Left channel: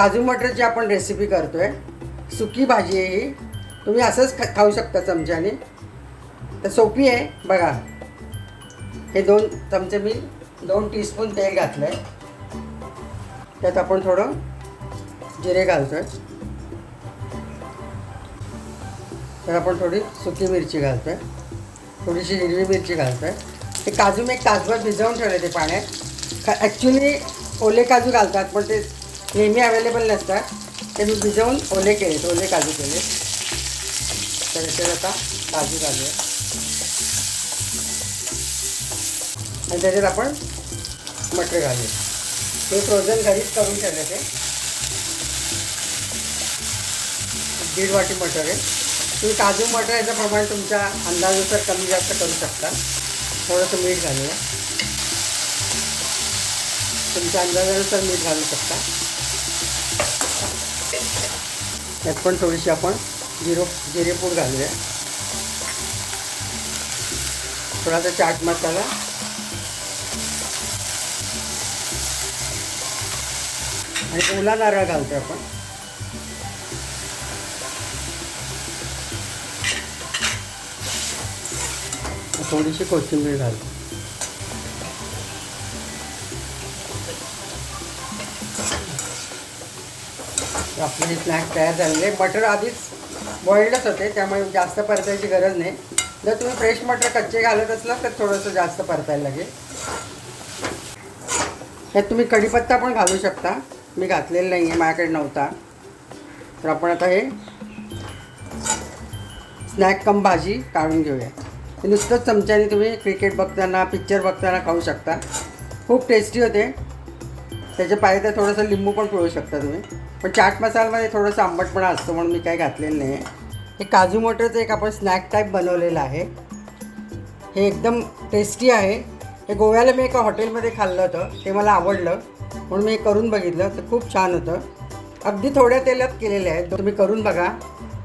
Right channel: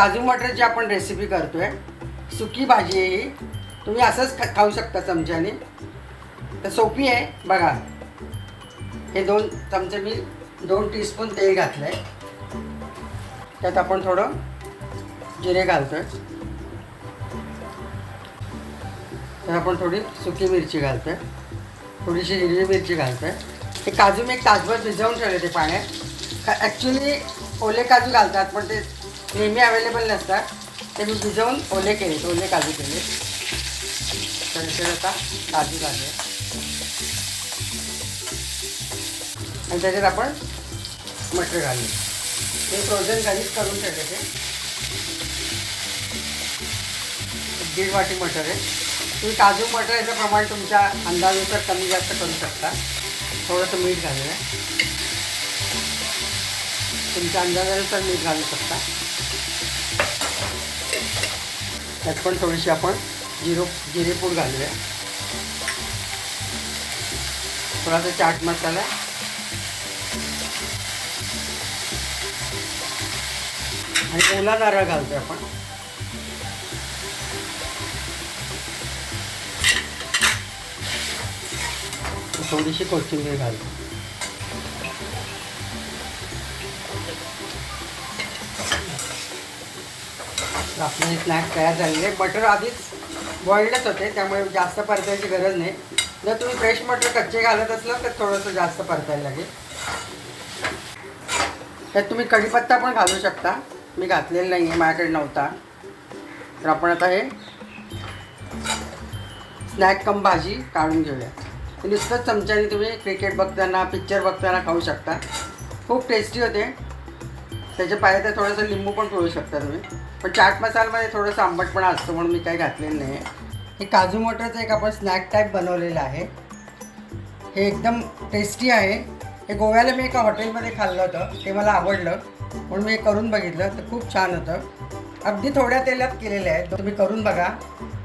काजू मटरची आपण रेसिपी करतोय। सुकी भाजी आहे ही, तुम्ही असंच खाऊ शकता चमच्याने, तर सोपी आहे बघा। हे 2 चमचे मी 2 टीस्पून तेल घातलं आहे, त्यात आपण थोडं जिरे घालतोय, तर आपण थोडी सुकी मिरची घालतोय, थोडीशी हिरवी मिरची घालतोय। हे काजू मी एक तासभर भिजवून ठेवले ते पाण्यात। ॲक्च्युली ओले काजू घालतात, पण ते नेहमी अवेलेबल नसतात, ते मी भिजवून ओले केले, ओले काजू केले। तर ते आता काजू घालूया आणि त्याच्यात आपण मटर घालूया। हे फ्रोझन घरीच करून ठेवले, ते 1.5 वाटी मटर आहे। तुम्ही काजू मटर याचं प्रमाण तुमच्या अंदाजानुसार कमी जास्त करू शकता। थोडंसं मीठ घालूया, तुमच्या अंदाजानुसार मीठ घालू शकता। त्यात पण थोडीशी आपण जिरेपूड घालूया, थोडासा चाट मसाला आणि ओला नारळ घालतो आपण। थोडीशी कोथिंबीर घालतो। आपले हे स्नॅक तयार झालेले आहे। मटर आधीच बॉईल्डच होते, त्यामुळे जास्त परतायची गरज नाही। जर तुम्ही फ्रेश मटर कच्चे घालत असलं तर थोडंसं जास्त परतायला लागेल। त्यात तुम्ही कढीपत्ता पण घालू शकता, मी घातलेला नाही आहे, माझ्याकडे नव्हता। तर आपण आता हे स्नॅक कम भाजी काढून घेऊया। नुसतंच चमच्याने तुम्ही क्रिकेट बघताना, पिक्चर बघताना खाऊ शकता, खूप टेस्टी होते। त्याच्या पाहिजे तर थोडंसं लिंबू पण पिळू शकता तुम्ही, पण चाट मसाल्यामध्ये थोडंसं आंबटपणा असतो म्हणून मी काही घातलेलं नाही आहे। हे काजू मटरचं एक आपण स्नॅक टाईप बनवलेलं आहे, हे एकदम टेस्टी आहे। हे गोव्याला मी एका हॉटेलमध्ये खाल्लं होतं, ते मला आवडलं म्हणून मी करून बघितलं, तर खूप छान होतं। अगदी थोड्या तेलात केलेलं आहे, तुम्ही करून बघा,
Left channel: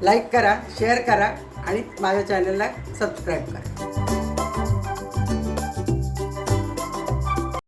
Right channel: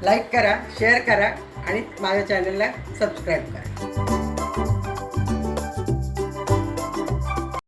लाईक करा, शेअर करा आणि माझ्या चॅनलला सबस्क्राईब करा।